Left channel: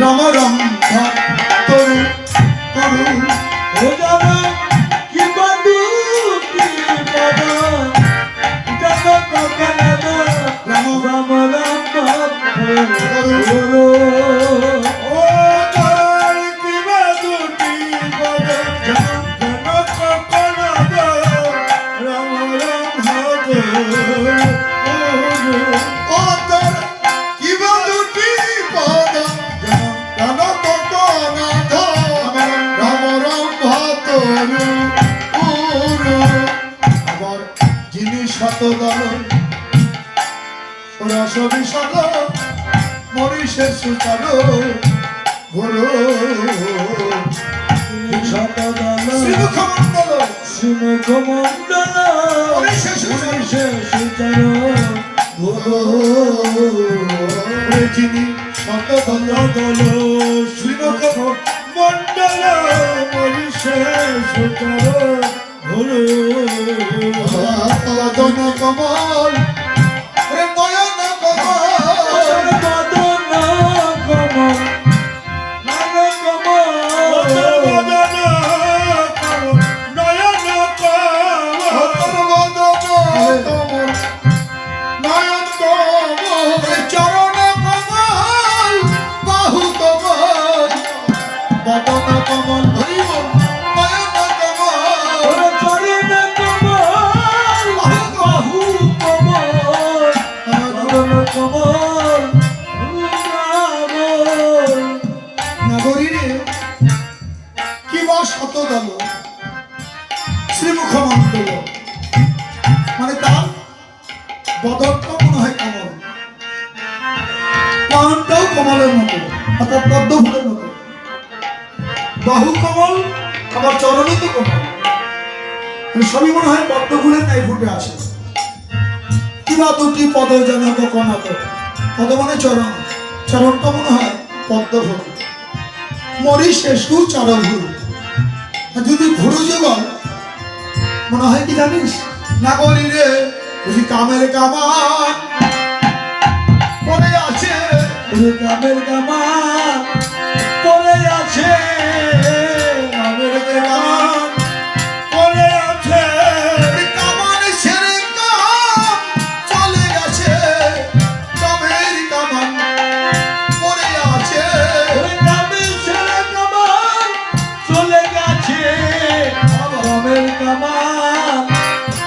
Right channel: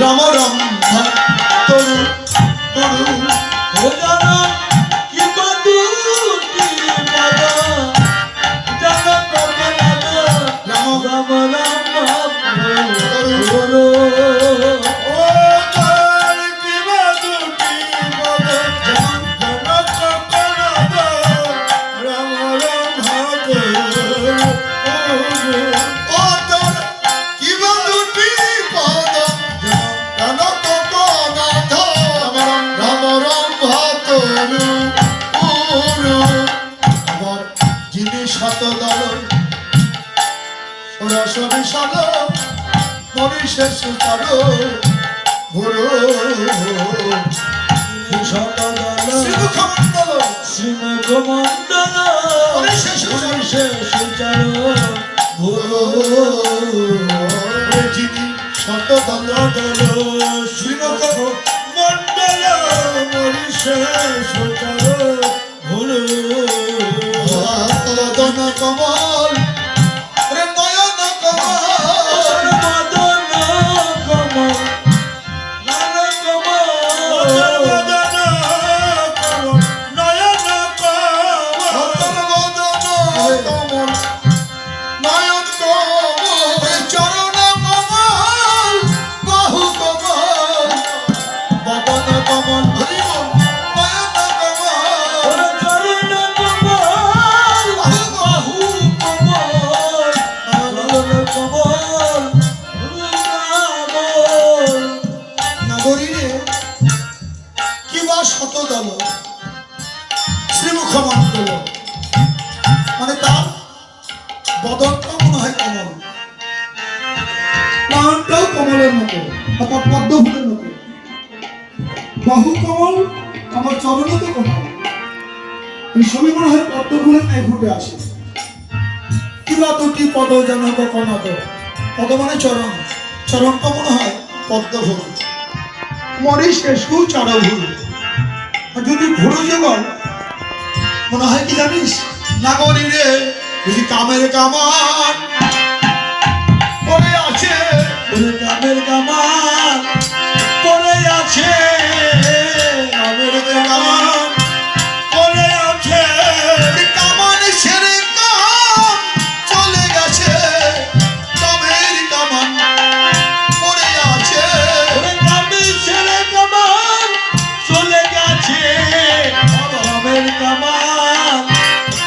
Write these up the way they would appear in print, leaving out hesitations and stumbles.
রাম রাম তরু তরু ও জানা কি বন্ধুটি বাবা জানা কথা না রাম রাম রাম তরু তরু ও জানা কি বন্ধুটি বাবা জানা কথা না রাম রাম তরু ও জানা কি বন্ধুটি বাবা মরিষের সুচার গুরু শ্রীমুখমণ্ডল শ্রীমুখমণ্ডল মরিষের সুচার গুরু যিনি শতদল দল শ্রীমুখমণ্ডল মরিষের সুচার গুরু মদন কমল নয়ন কমল মদন কমল নয়ন কমল নয়ন কমল মদন কমল নয়ন কমল চরণ কমল বাহু কমল মদন কমল শতদল শ্রীমুখমণ্ডল মানে তার বদনটা মনে হয় কমল, নয়নটাও কমলের মতো অর্থাৎ পদ্ম ফুলের মতো, বাহু কমল আবার চরণ তো কমল, সবই মনে হয় পদ্ম ফুলের নাই ফুটে আসে। কিবা দুটি পদ যেন কনাত, পদ মানে চরণ, চরণটা মনে হয় পদ্ম ফুল, মরিষে সুচার ভুল। যদি ঘুরো যুগল মনে হয় কি জানিস নাগরী রে বুঝি কামের কামান পড়ে আছে, কামের কামান পড়ে আছে, কামের কামান পড়ে আছে, কামান ছেড়ে কাম চলে গেছে, কামের কামান পড়ে আছে, কামের ছেড়ে কামান চলে গেছে, কামের কামান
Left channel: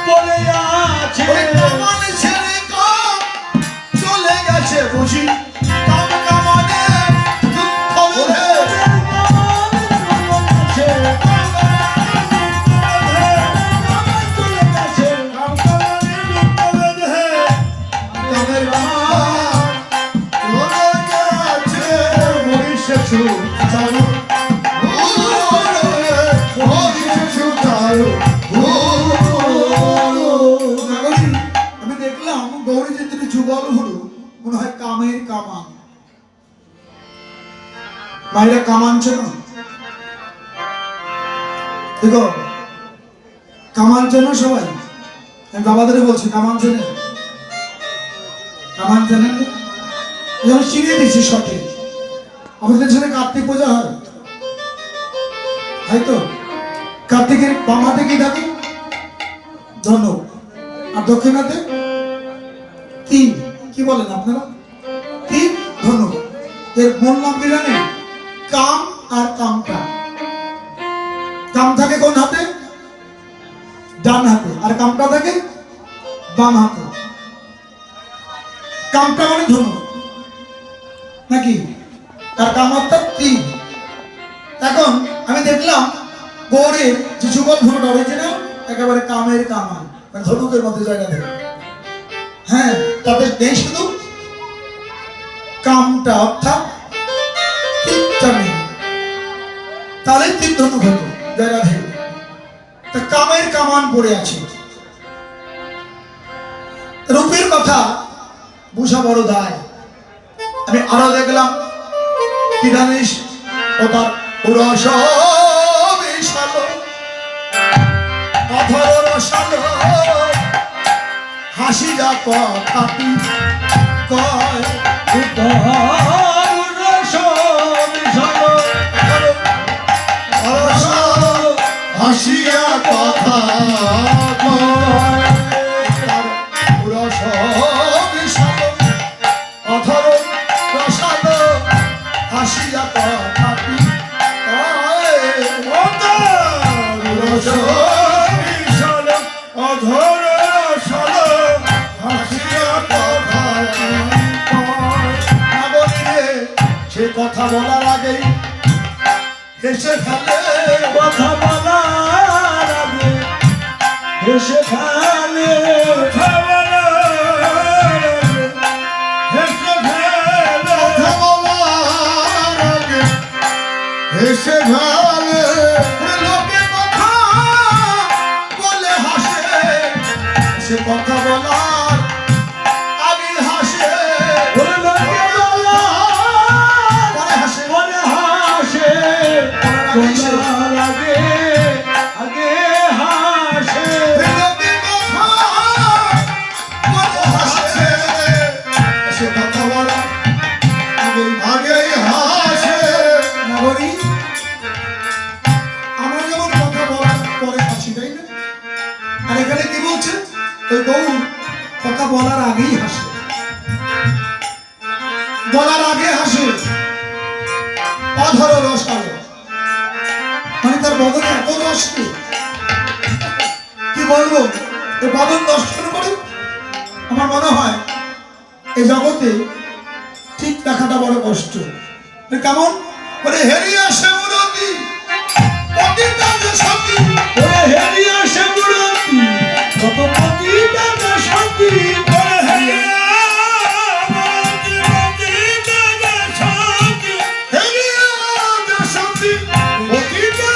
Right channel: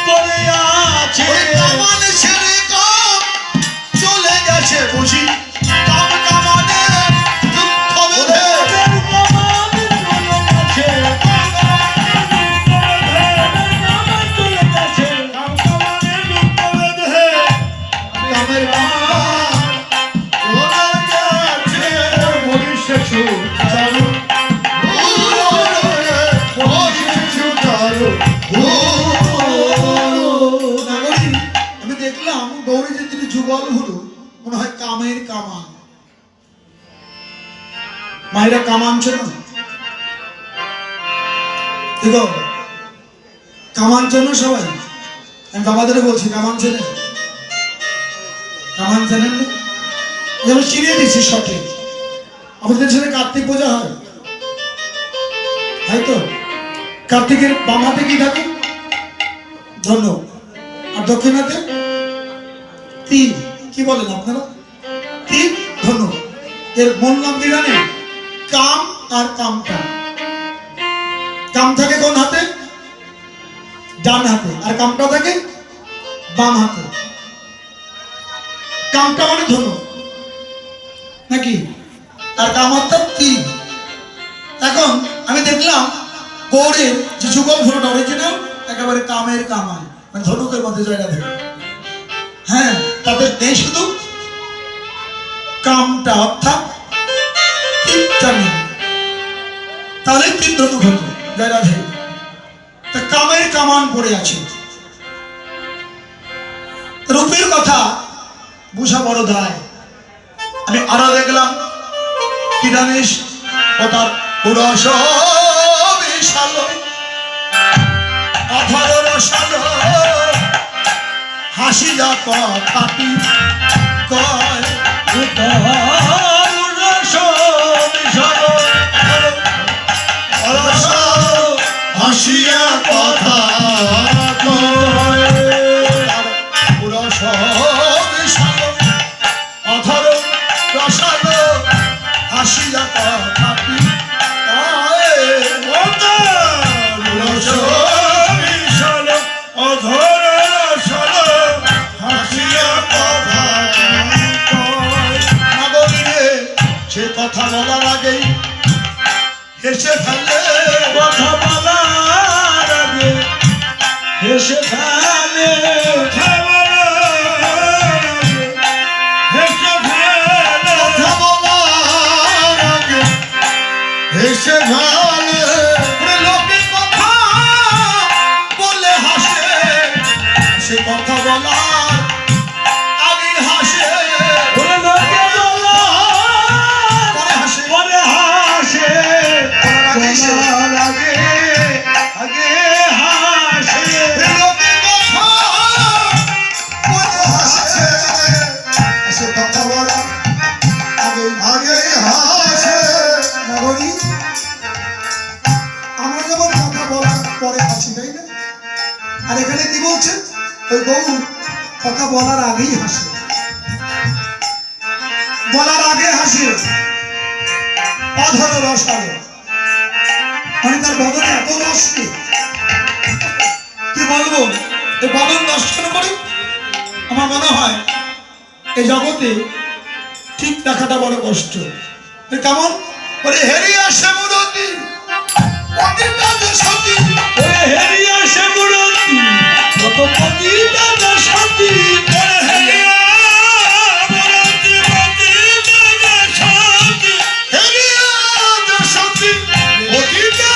পড়ে আছে, কামান ছেড়ে কাম চলে গেছে, বুঝি কাম কামানে দুঃখ বেঁধে, কামের কামান চলে গেছে, মরিষে সুচার আমি দেখলাম গৌরী যে তিনি যুগল হুরু মনে হয় কামের কামান, মায়েরা কামান চেন দেখো, কামান চেন সবাই, আমি বাবাদের বলছি কামান চেনে, কামান চেনেন যেমন চিনিয়ে দিচ্ছি সঠিক। আমাদের ছেলে কার্তিক পূজা হয়, তাই তো কার্তিকের বাম হাতে কি থাকে ধন্য, আর দক্ষিণাতে তীর, কি বলেন আপনারা তীর ধন্য, এর মূল নাম কি জানেন কাম আর কামটা। কাম থাকে কোন হাতে ডান হাতে, আর কামটা থাকে বাম হাতে। কামটা মানে ধন্য নাকি, আর কাম অর্থাৎ তীর। এখন আমি দেখলাম গৌরের যে যুগল ফুলটা অরিজিনাল একেবারে কামের কামান, মানে ধনুকের মধ্যে জায়গা থাকে। হ্যাঁ, তাদের নেই শুধু কামটা অর্থাৎ তীরটা নেই, তাদের তীর ধনুক হতো জায়গা থাকে, তা কামের কামান পড়ে আছে। রূপের কথা বুঝা বড় দায়। আমি আরো দেখলাম কি জানিস ও তার রস বিশাল অথর রসাল হাসি যা কথাটি কয় রস কথাটি অধর সল হাসিয়া কথা নাগরীরে সে কথা বলার আগেই হেসে ফেলে কথা বলার আগে হেসে ফেলে কথা বলার আগে হেসে ফেলে কথা বলার আগে হেসে ফেলে লোকে কথা বলে হাসে সে কথা বলার আগে হাসে ওরে লোকে পরে হাসে বলে হাসে বলার আগে আগে হাসে লোকে কথা বলে হাসে সে কথা বলার আগে আগেই হাসে নাগরী আমরা যেমন কথা বলার পরে হাসি তাই না আর এখানে কি বলছে ওই বউ কথা বলার আগেই হাসে বলার আগে হাসে অধর রসালো মানে তার বদনে এত রস কি বলবো এই বদন দর্শন করে আমার মনে হয় এই জগতে ঠিক দেখাটা বড় কষ্ট এ কেমন বলে হেরিয়া শ্যামরতি পতিতা যে সতী ওরে হেরিয়া শ্যামরতি কত পতিতা যে সতী ওরে হেরিয়া শ্যামরতি পতিতা যে সতী হেরিয়া যে সতী পতিতা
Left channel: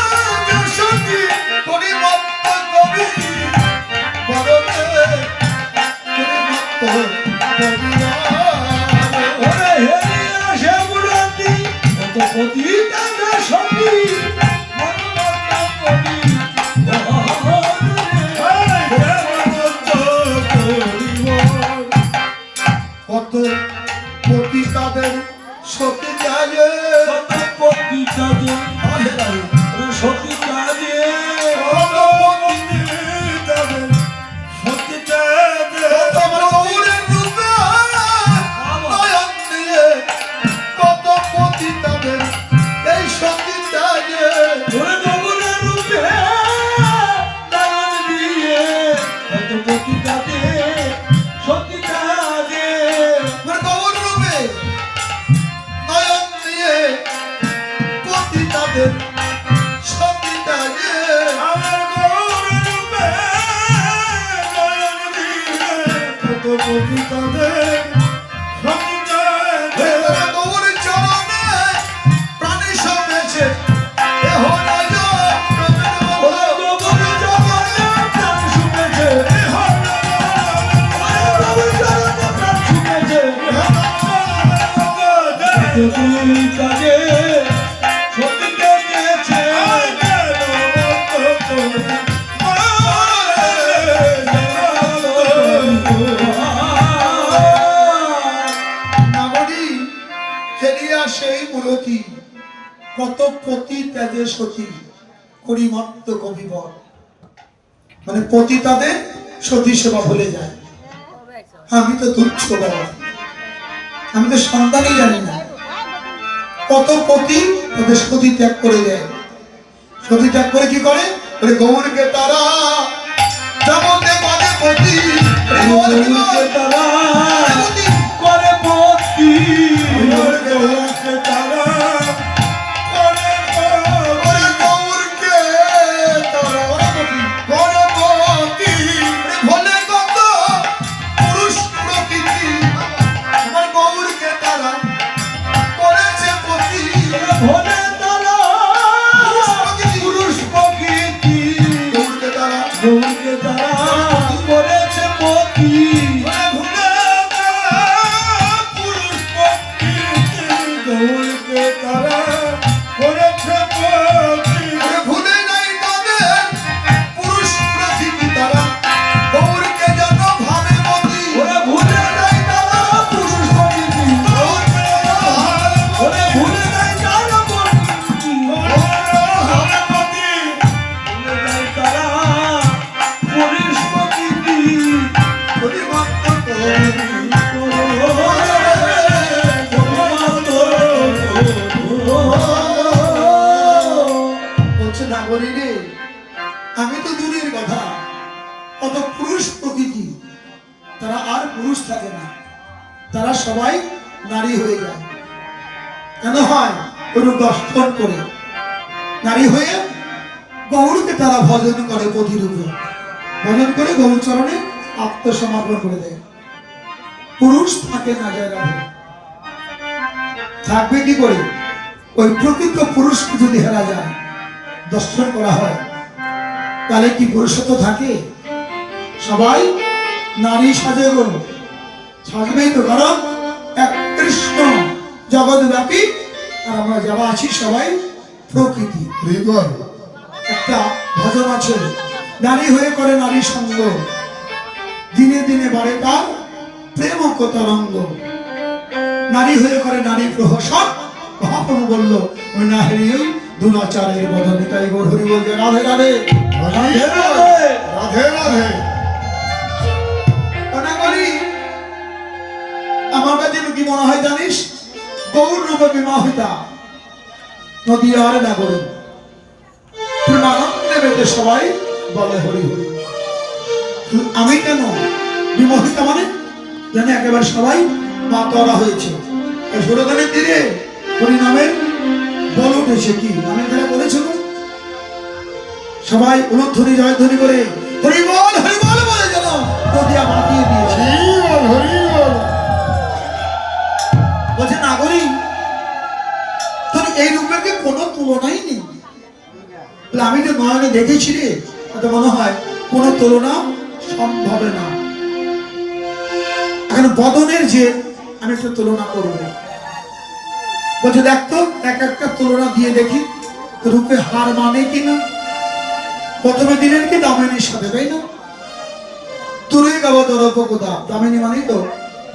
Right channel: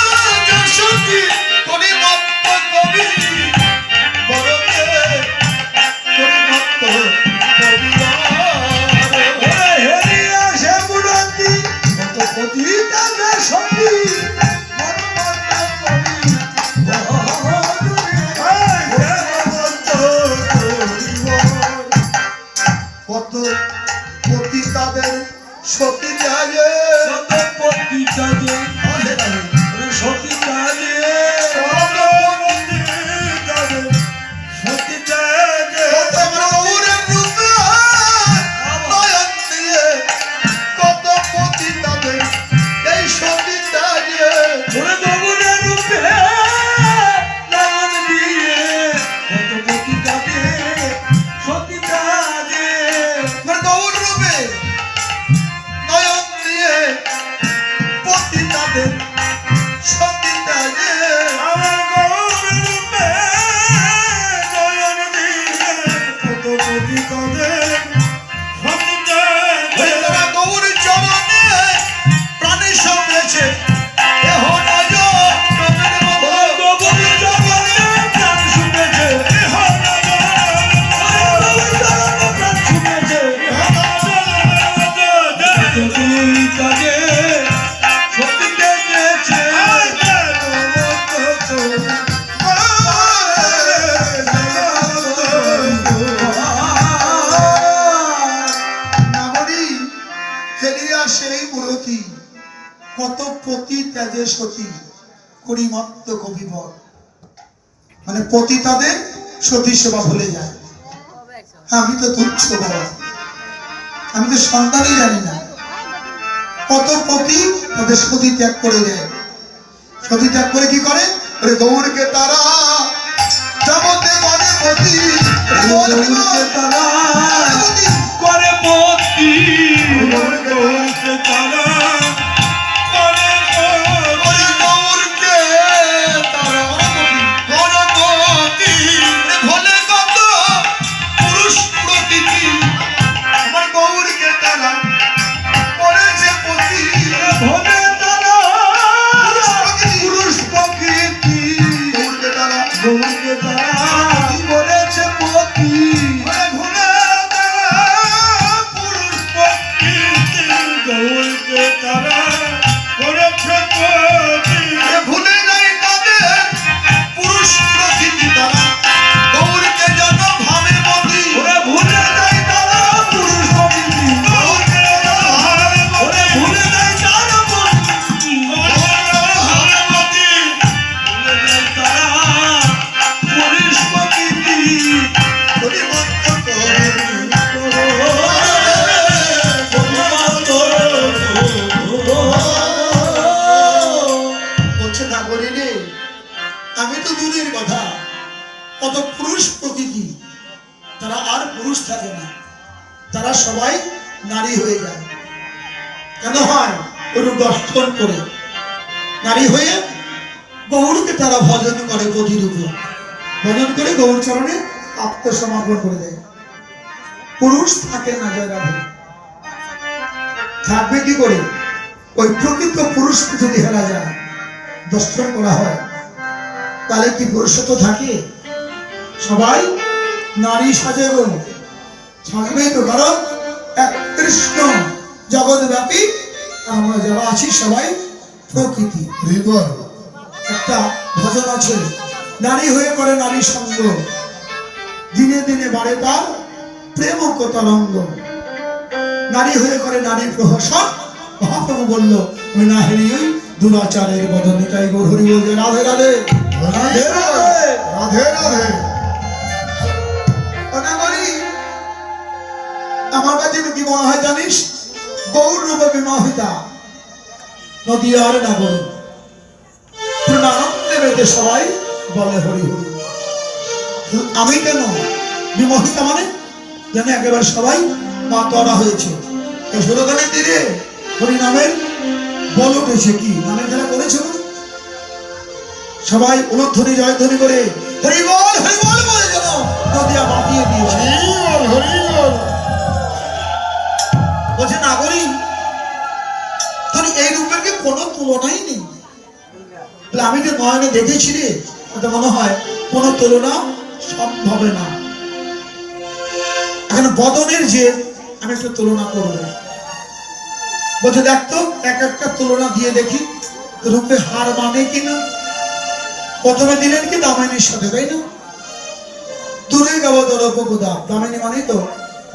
যে সতী করি মত্ত কবি বলতে করি মত্ত কবি ওরে হেরিয়া শ্যামরতি কত পতিতা যে সতী কত পতিতাদের সতী জাগে কত পতিতা যে সতী কাজে কত পতিতা যে সতী কাজে কত গৌরের রূপে নয়ন দিয়ে কত পতিতাদের এই সতী জাগে ওরে গৌরের রূপে নয়ন দিয়ে কত পতিতা যে সতী কাজে গৌর রূপে নয়ন দিয়ে পতিতাদের সতী জাগে আমার গৌরের রূপে নয়ন দিয়ে কত পতিতা যে সতী কাজে তারা গৌর চরণে প্রাণী সমেছে এহ নয় ওরে গৌরের চরণে প্রাণ শুনেছে যদি তাকে সত্যি দেখেছে নাগরী ফেরিয়া সেই মূরতি কত পতি ত্যাজে সতী করি মত্ত কবিবর মানে পতি তাদের সতী সেবা ভুলে যায় আমি তো তুচ্ছ বাবা আমি তো সন্তানই জানি না কত পতি তাদের সতী ত্যাগ করে যায় সতী ত্যাগ করে কি করে ওরে গৌরকে তারা জগতে বলে পতি গৌরকে তারা করে পতি গৌরকে তারা করে ওরে গৌরকে তারা গণপতি ভোলে কত পুরুষ প্রকৃতি আমার গৌরকে তারা করেছে পতি ভোলে তারা পুরুষ প্রকৃতি গৌরকে তারা গৌরকে তারা করেছে পতি ভুলে তারা পুরুষ প্রকৃতি গৌরকে তারা করেছে পতি ভুলে নাই তাদের পুরুষ প্রকৃতি তারা গৌরকে যেন ভাবে মতি ওরে ভুলে নাই তারা পুরুষ প্রকৃতি গৌরকে যেন ভাবে মতি ওরে ভুলে নাই তারা পুরুষ নারী হয়ে যায়। কেন হয়? ওর দর্শন করে নারী হয়ে গৌরকে তারা ভজন করে, প্রতিরূপে ভজন করে গৌর চরণে আত্মসমর্পণ করে দেয়। পুরুষ থাকে না যায় রাধে, থাকবে কি করে? ওই প্রকৃত পুরুষকে যদি হেরা যায়, দর্শন করা হয়, তাহলে কি পুরুষত্ব থাকে? সবাই নারী সাজে গো, সাজবেই তো, কারণ এক কৃষ্ণ জগৎব্যাপী, আর আমরা যারা আছি সবাই প্রকৃতি। একটা ভজন আছে, নারী হয়ে করে নারী সঙ্গ, দিনে দিনে বাড়ে তার প্রেম তরঙ্গ। নারী হয়ে করে নারী প্রহসন। মহাপ্রভু বলল, আমি না হেরি ওই দুরাচারের বদনে, তাই গৌর হরি বলছে রাধে রাধে রাধে রাধে রাধে। আমার কাছে কি মনে হয় জানিস? গৌর রূপে বিমোহিতা নদীয়ার নাগরী, প্রেমানন্দে বেঁধে সবাই বলে হরি হরি। আমি কেন বিমোহিতা? মানে জানে একেবারে সবাই মাতোয়ারা হয়েছে। এই ষোলখানের তীরে হরি নামের বল উঠেছে। কি নামের খেলা করেছিল? সবাই উলধ্বনি জয়ধ্বনি করে হরি বল বলে যেন নদিয়া বাঁধিয়ে দিয়েছে। বলছে নাগরী, তোর এই রূপের কি কোনো তুলনাই নেই। আমি যে নয়নে দেখেছি রে, তাতে মনে হয় কোনো তুলনা সম্ভব না। এখন বদনের যে আমি একটু তুলনা করব। বলছে দেখতো এক একটা তুলনা দিয়ে দেখি রূপে হার মানে কিনা। প্রথমে দিলেন কি দামিনীর সাথে, তাই না? দূরে গাবো দরপকোদা, দামিনী মানেই তো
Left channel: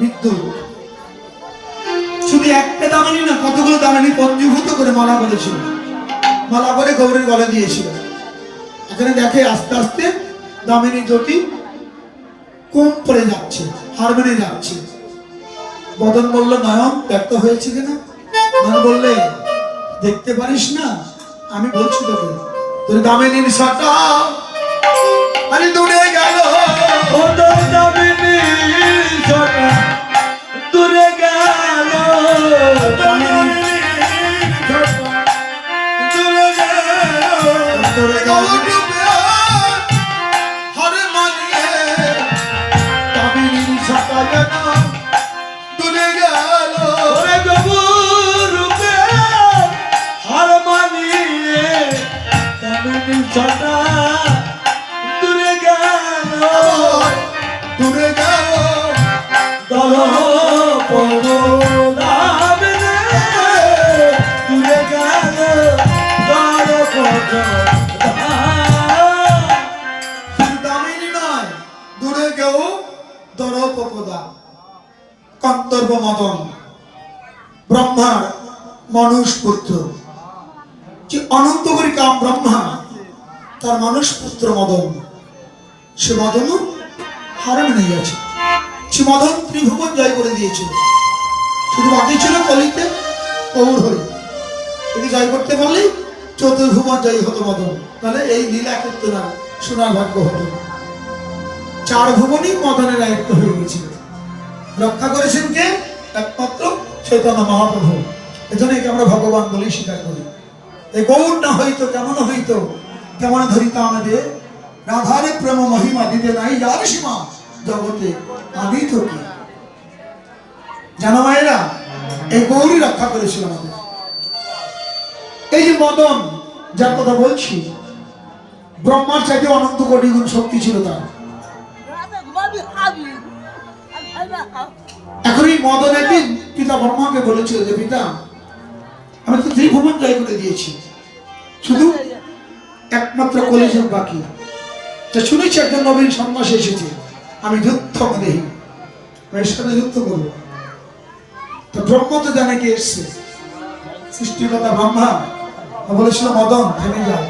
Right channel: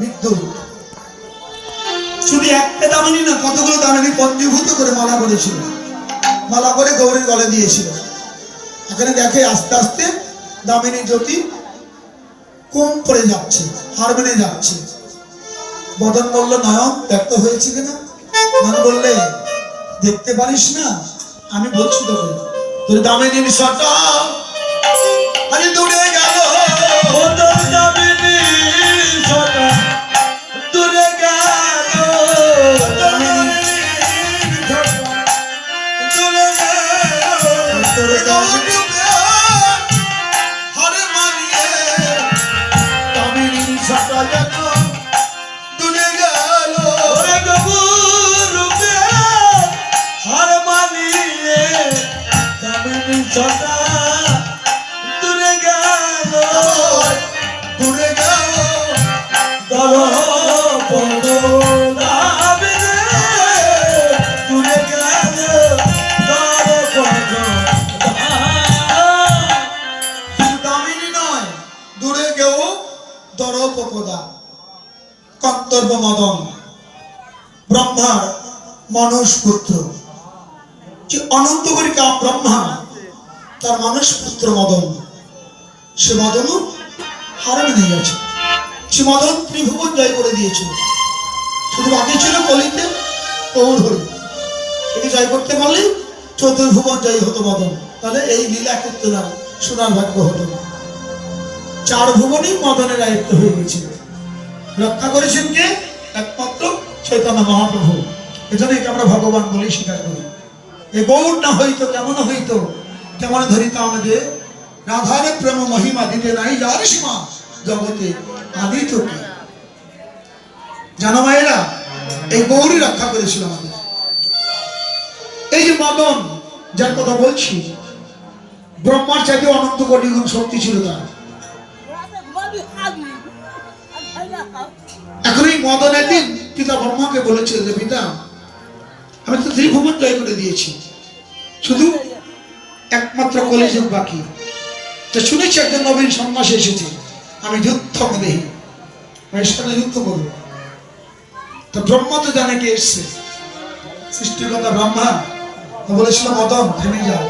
বিদ্যুৎ। শুধু একটা দামিনী না, কতগুলো দামিনী পঞ্জীভূত করে মালা করেছিল, মালা করে গৌরের গলে দিয়েছিল। এখানে দেখে আস্তে আস্তে দামিনী জ্যোতি কম পড়ে যাচ্ছে, হার মেনে যাচ্ছে। বদন বলল, নয়ন ব্যক্ত হয়েছে কিনা? নয়ন বললে, দেখতে পারিস না? আমি বলছি তোকে, তোর দামিনীর সাটা আরে দূরে গেল, দামিনীর সাটা দূরে গেল, দূরে গেল, দূরে গেল দূরে গেল দামিনী নয়, দূরে গেও দরপকোদা। কর্তব্য মদন ব্রহ্মার মনুষ পুত্র, যে অনন্ত করি কাম ব্রহ্মা, তার মানুষ পুত্র মদন। সে মদন হারে মেনে গেছে। সে মদন ত্রিভুবন জয় করে দিয়েছিল। শুধু বাকি ছিল কলিতে গৌর হরি। একে জয় করতে পারলে চতুর্ভুবন জয় হতো মদন। তাহলে এই লীলা করতে না শোনার ভাগ্য হতো না। চার ভুবনই মদনের আয়ত্ত হয়ে গেছিল। রক্ষা করেছেন কে? একমাত্র চৈতন্য মহাপ্রভু। এজন্য একে আমরা ভগবান বলেই স্বীকার করি। এই গৌর না হইতো কেমন হইতো, কেমন ধরিত আমাদের রাধারে প্রেম মহিমা দিতে নাই যার সীমা, জগতে আদি তো কি। জানো মায়েরা, এই গৌরী রক্ষা করেছিল আমাদের। এই যে মদন যার কথা বলছি, ব্রহ্মার চাইতে অনন্ত কোটি গুণ শক্তি ছিল তার। এখন এই মদনের দিন পিতা ব্রহ্মাকে বলেছিল যে পিতা, আমি তো ত্রিভুবন জয় করে দিয়েছি, শুধু একমাত্র কলিযুগ বাকি। তো শুনেছি একজন নবীন সন্ন্যাসী এসেছে, আমি যুদ্ধ দেহি, এর সাথে যুদ্ধ করবো। তো ব্রহ্ম তো জানে কে এসছে, সৃষ্টির কথা ব্রহ্মা বলেছিল মদন থেমে যাও,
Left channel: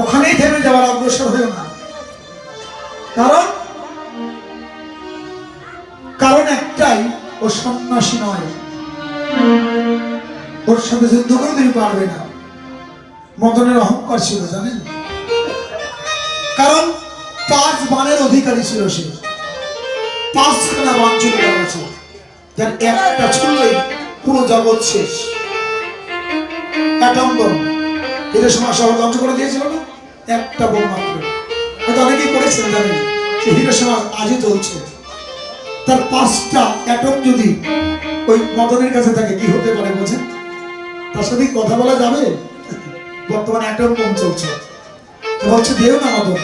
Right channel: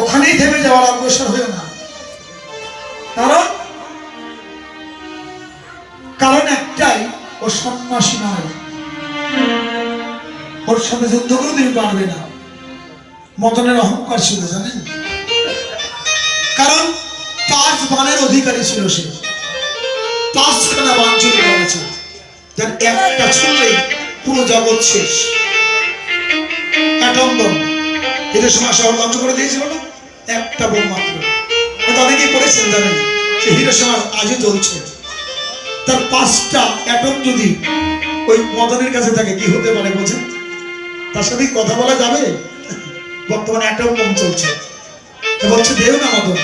ওখানেই থেমে যাওয়ার অগ্রসর হয়ে না। কারণ একটাই, ও সন্ন্যাসী নয়, ওর সাথে যুদ্ধ করে তুমি পারবে না। মদনের অহংকার ছিল জানেন, কারণ 5 বাণের অধিকারী ছিল সে, 5 সেনা বাণ চলে গেছে। যার একটা ছুড়লেই পুরো জগৎ শেষ। অ্যাটম বোম হিরোশিমা শহর ধ্বংস করে দিয়েছিল না, একটা বোম মাত্র। এটা অনেকেই পড়েছেন, জানেন সে হিরোশিমা আজও চলছে। তার 5টা অ্যাটম যদি ওই মদনের কাছে থাকে কি হতে পারে বোঝেন? তার সাথে কি কথা বলা যাবে? বর্তমানে অ্যাটম বোম চলছে। বলছে দেও না মদন,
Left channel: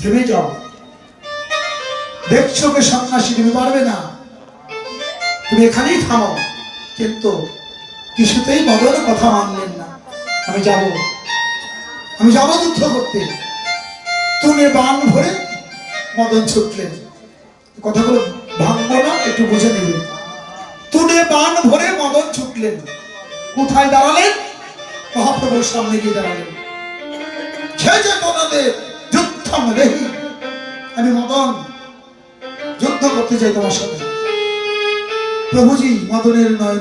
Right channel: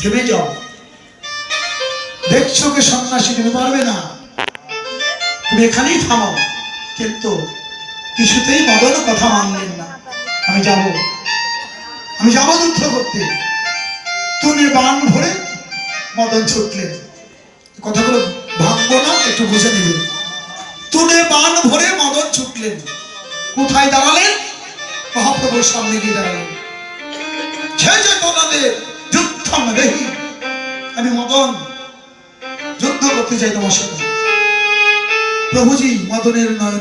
থেমে যাও, দেখছো কে সন্ন্যাসী, তুমি পারবে না, তুমি এখানেই থামো। কিন্তু কিছুতেই মদন কথা মানলেন না। আমি যাব যুদ্ধ করতে। তুমি বাণ ভরে মদন ছুটলেন। কথাগুলো ভাঙবো না, একটু বুঝে নেবেন। তুলে বাণ ভরে মদন ছুটলেন। কোথায় দাঁড়ালেন? মহাপ্রভুর সামনে গিয়ে দাঁড়ালেন। সে যে তোমাদের যুদ্ধম রেহি, আমি মদন যুদ্ধ করতে চাই তোমার সাথে। প্রভুজি মদনের নয়নে